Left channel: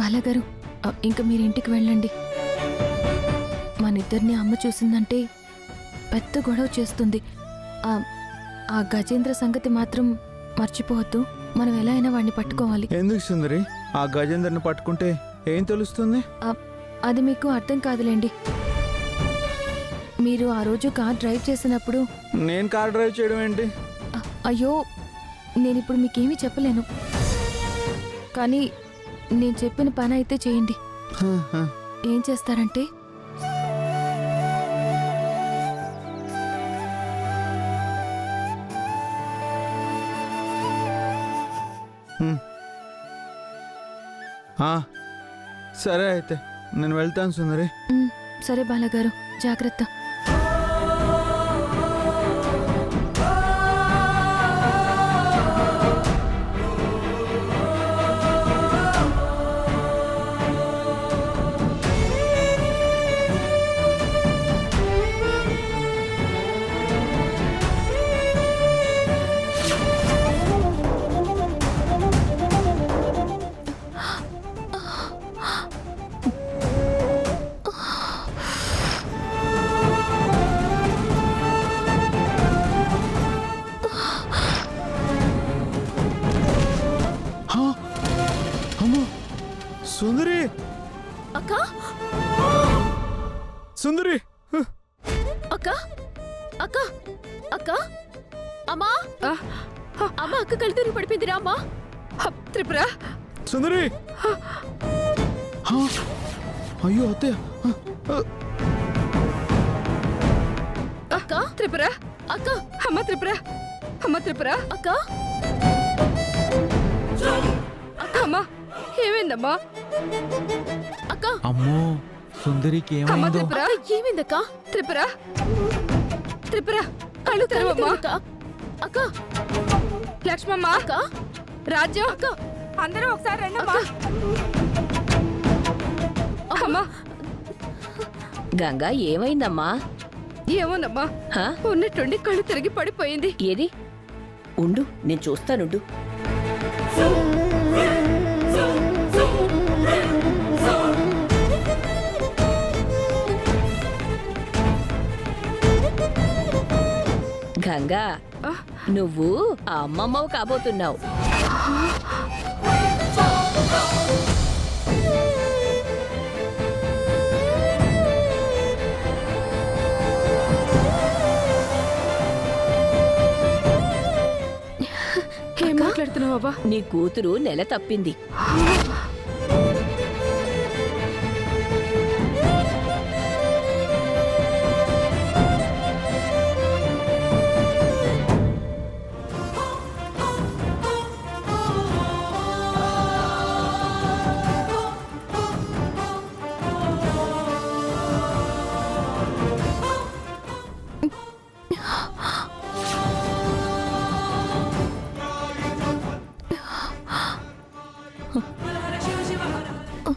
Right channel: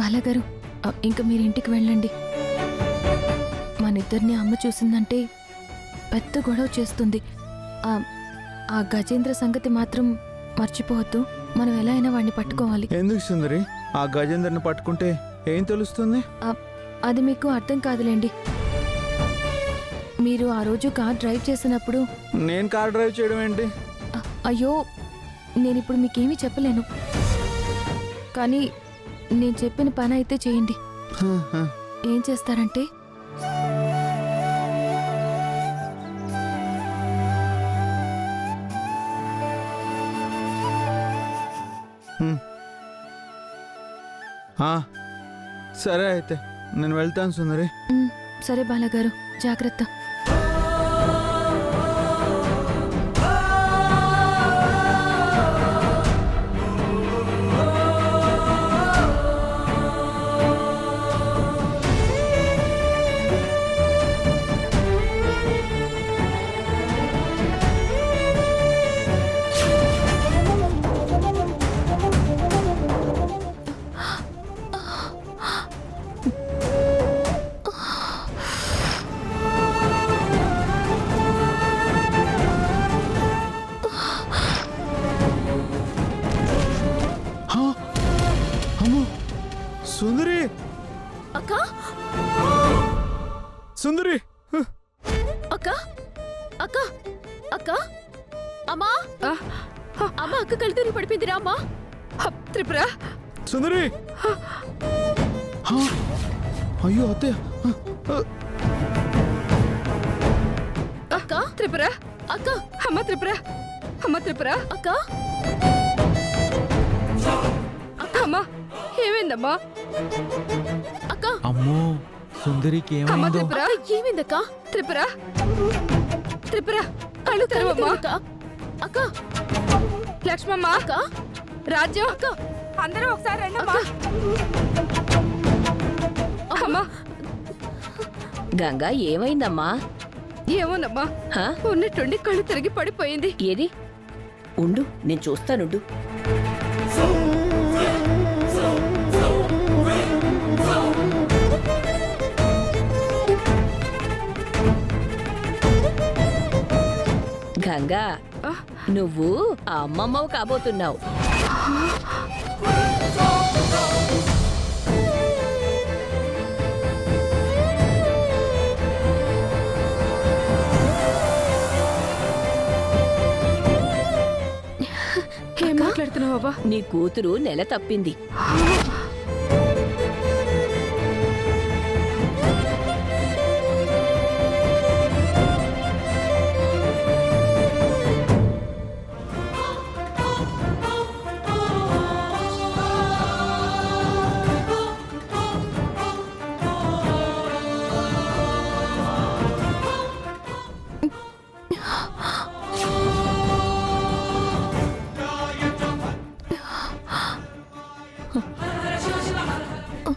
బాలగారు, ఇంక మీరు ఇంటికి వెళ్ళండి. మనిద్దరిని అమ్మ చూసిందంటే పెద్ద గొడవ చేస్తుంది. ఆ గజేంద్ర సంగతి మాత్రం మర్చిపోవద్దు. మనం ఎలా అయినా వాడిని పట్టుకోవాలి. ఎందుకు సుందరి? ఆ గజేందర్ని పట్టుకుంటే ఏం తెలుస్తుంది? అది మీకు అర్థం కాదులేండి. మీరు ఆ రోజు కార్ డ్రైవ్ చేసినప్పుడు... నేను కార్ డ్రైవ్ చేయడం ఏంటి? అయ్యో, నేనిప్పుడు మీకేమీ చెప్పలేను. కానీ నేను చెప్పిన పని అయితే చేయండి. ఏం చేస్తారంటే, సరే అయితే నేను వెళ్తాను సుందరి. సరే బాలగారు, జాగ్రత్త. సుందరి! అక్క! సుందరి! అక్క! అక్క! అక్క! అమ్మా! అమ్మ, అక్క కళ్ళు తిరిగి పడిపోయిందిరా అమ్మా. త్రిపుర! సుందరి! అయ్యో అత్తయ్య! అక్క! త్రిపుర! అక్క! అమ్మ త్రిపుర! అమ్మ త్రిపుర! అక్క! అమ్మ, ఏమైందమ్మా? అక్క! అమ్మో, సుందరికి అమ్మ ఏమైందో? త్రిపుర! ఏమైందక్క? త్రిపుర! త్రిపుర! కళ్ళు తెరవమ్మా. అక్క! లక్ష్మమ్మ! అక్క! రాజ్యం! అక్క! అందరూ ఒకసారి రండమ్మా. అమ్మా! గంగా, ఏమైందమ్మా? ఏమోనమ్మా, హా? ఉన్నట్టుండి కళ్ళు తిరిగి పడిపోయింది. ఏది? ఉండు, నేను చూస్తానుండు. గంగా, నువ్వు ఆ అమ్మమ్మవు కాబోతున్నావు. ఏం మాట్లాడుతున్నావా? నీ కూతురు నెల తప్పింది.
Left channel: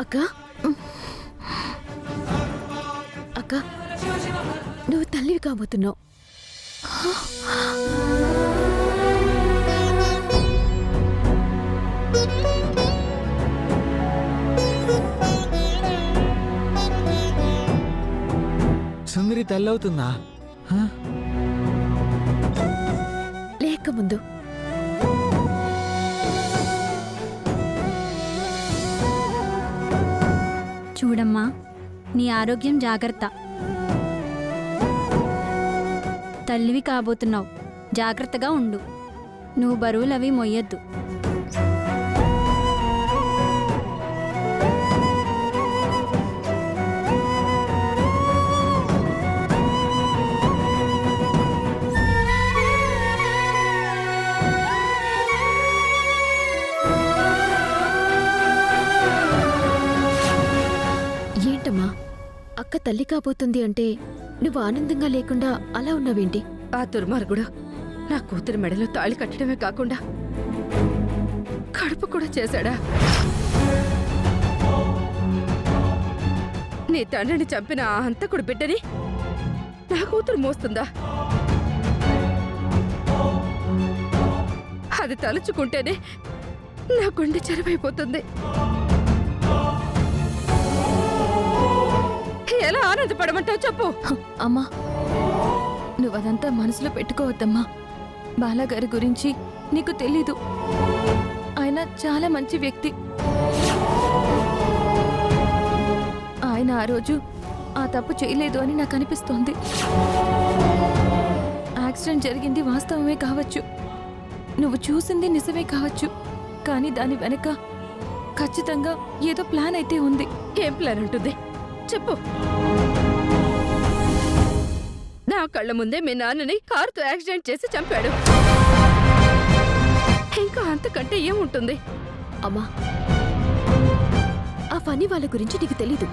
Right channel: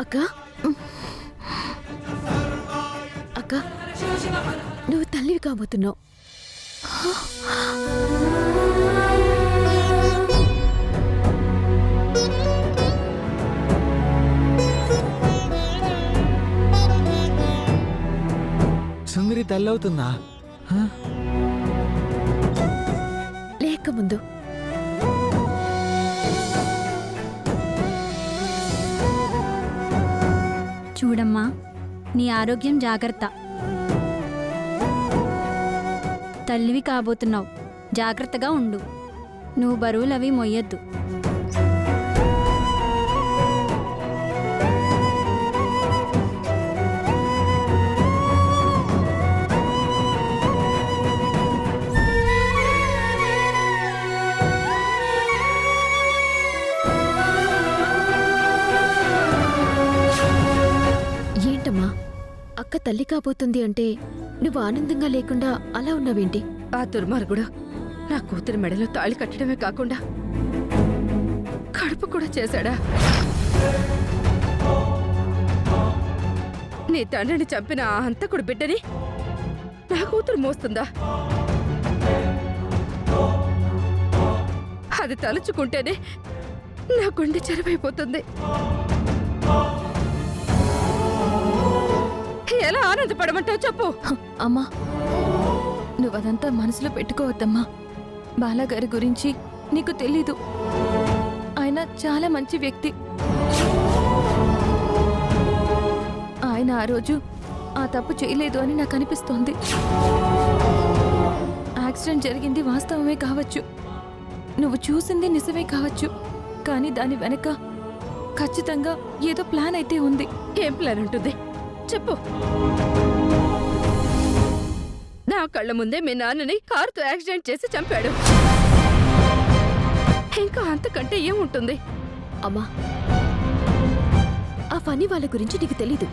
అక్క! అక్క, నువ్వు తల్లివి కాబోతున్నావు. సుందరి తల్లవుతుందా? లేక ముందు చూడమ్మా, నీ ఆరోగ్యం జాగ్రత్త. తల్లివి కాబోతున్నావు, జాగ్రత్తగా ఉండు. నువ్వు బరువులవి మొయ్యొద్దు. ఏంటమ్మా, అక్క తల్లి కాబోతుంది అంటే నువ్వు ఆనందంగా లేకుండా అలా ఉన్నావేంటి? ఆ దుర్మార్గుడు నా కూతురి మెడలో తాళి కట్టడమే కాకుండా కడుపు కూడా చేశాడా? నీ తండ్రిని చంపిన ఆ హంతకుడు బిడ్డని నా కూతురు మోస్తుందా? అది తలుచుకుంటేనే నా గుండె చెరువైపోతుంది. ఆనందపడమంటావు చెప్పు. అమ్మా నువ్వదంతా మనసులో పెట్టుకోవద్దమ్మా. బాలాగారి గురించి నీకు తెలీదు. ఆయన చాలా మంచి వ్యక్తి. ఆయన ఆ రోజు ఆ తప్పు చేయలేదు అని నాకు అనిపిస్తోంది. యాక్సిడెంట్ జరిగింది వాస్తవమే కావచ్చు, నువ్వు చూసింది నిజమే కావచ్చు, కానీ దాని వెనక ఖచ్చితంగా ఏదో ప్లాన్ అయితే ఉంది. ఏం ప్లాన్ ఉంటుంది చెప్పు. నా కళ్ళ ముందే మీ నాన్నని కారుతో యాక్సిడెంట్ చేసి చంపాడు. ఇంకా అంతకంటే ఏముంటుంది? అమ్మా ఆ ఫనీ వాళ్ళ గురించి నీకు తెలీదు.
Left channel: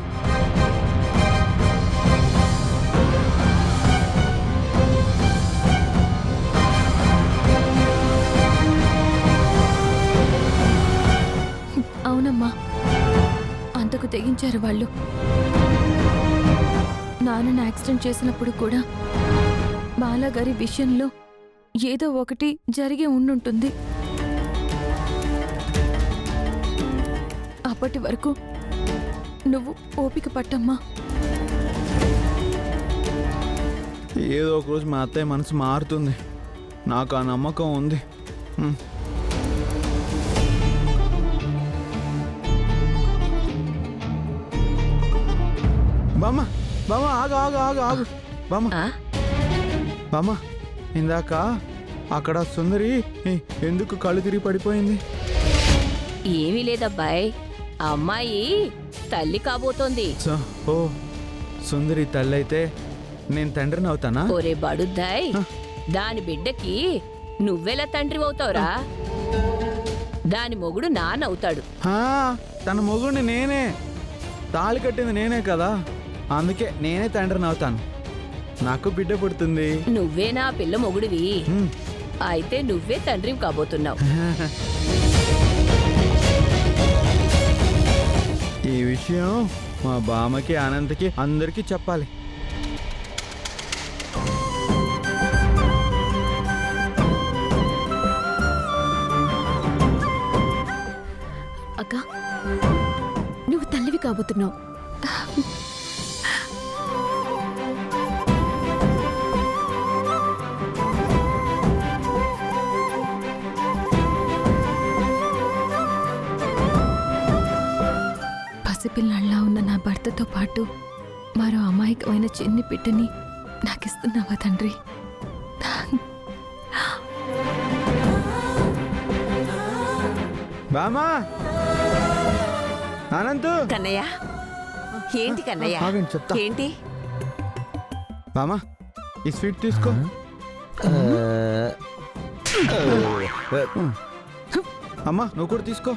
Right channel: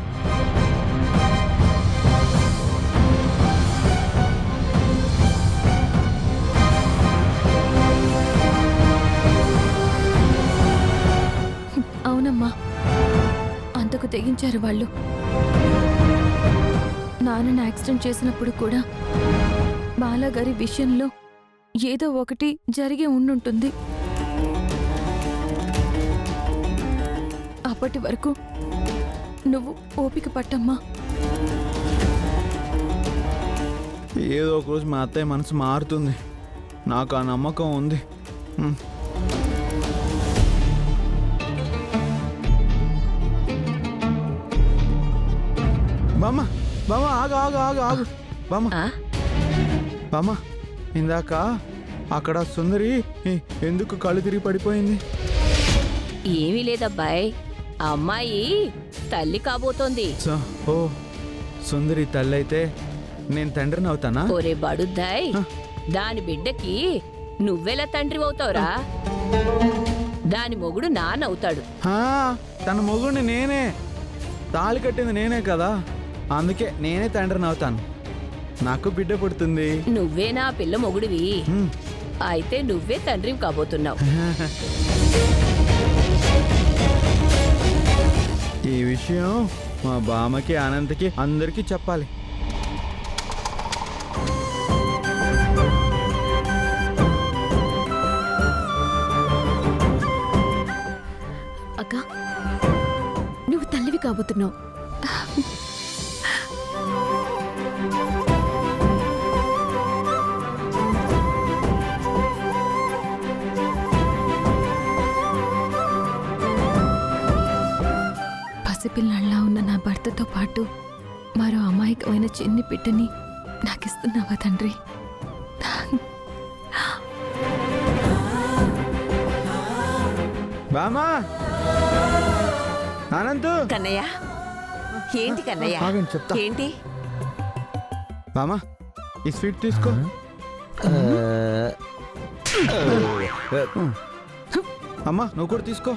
అవునమ్మా, అంతకు తెగించారు వాళ్ళు. నాన్నని యాక్సిడెంట్ చేసినప్పుడు కూడా బాలాగారి విషయంలో ఏదో ఒకటి జరిగే ఉండుంటుంది. అప్పటి వరకు నువ్వు ఓపిక పట్టమ్మా. ఏదో ఒక రోజు మా అత్తయ్య మనసు మారుతుంది, నాకు ఆ నమ్మకం ఉంది. బామ్మ బామ్మ ఆగు ఆగు ఆగు ఆగు బామ్మ. ఆ? బామ్మ ఇందాక అక్కడ సుందరి ఎందుకు కళ్ళు తిరిగి పడిపోయింది? ఏమీ లేదబ్బాయ్, ఆ అమ్మాయి తల్లి కాబోతోంది. ఓ సుందరి తల్లి అయితే నేను తండ్రిని అవుతానా? ఒరే బడుద్దాయ్, దాని బిడ్డకి నువ్వెలా తండ్రి అవుతావురా? దాని మొగుడు నాన్నవుతాడు. హా, తన మొగుడిని నేనే, తాళి కట్టింది నేనే కదా, అందుకే నేనే తండ్రిని అవుతాను. నాకు బిడ్డ పుడుతుంది. నువ్వేనా పిల్ల మొగుడివి? అయితే నువ్వే తండ్రి కాబోతున్నావు. ఈ విషయం మా బామ్మకి అనంతకి అందరికీ చెప్పాలి. అక్క నువ్వు తల్లివి కాబోతున్నావు. పసిపిల్లాళ్ళ ఉన్న నా భర్తతో పాటు మరో అమాయకమైన చిన్ని బిడ్డని నాకిస్తున్నావా తండ్రి? బామా అనంతు. కన్నయ్య ఏంటి కన్నయ్య? ఆగండి చెప్తా. ఏంటి? బామా ఈ స్వీట్ తీసుకో. అమ్మా నువ్వు కూడా తీసుకో.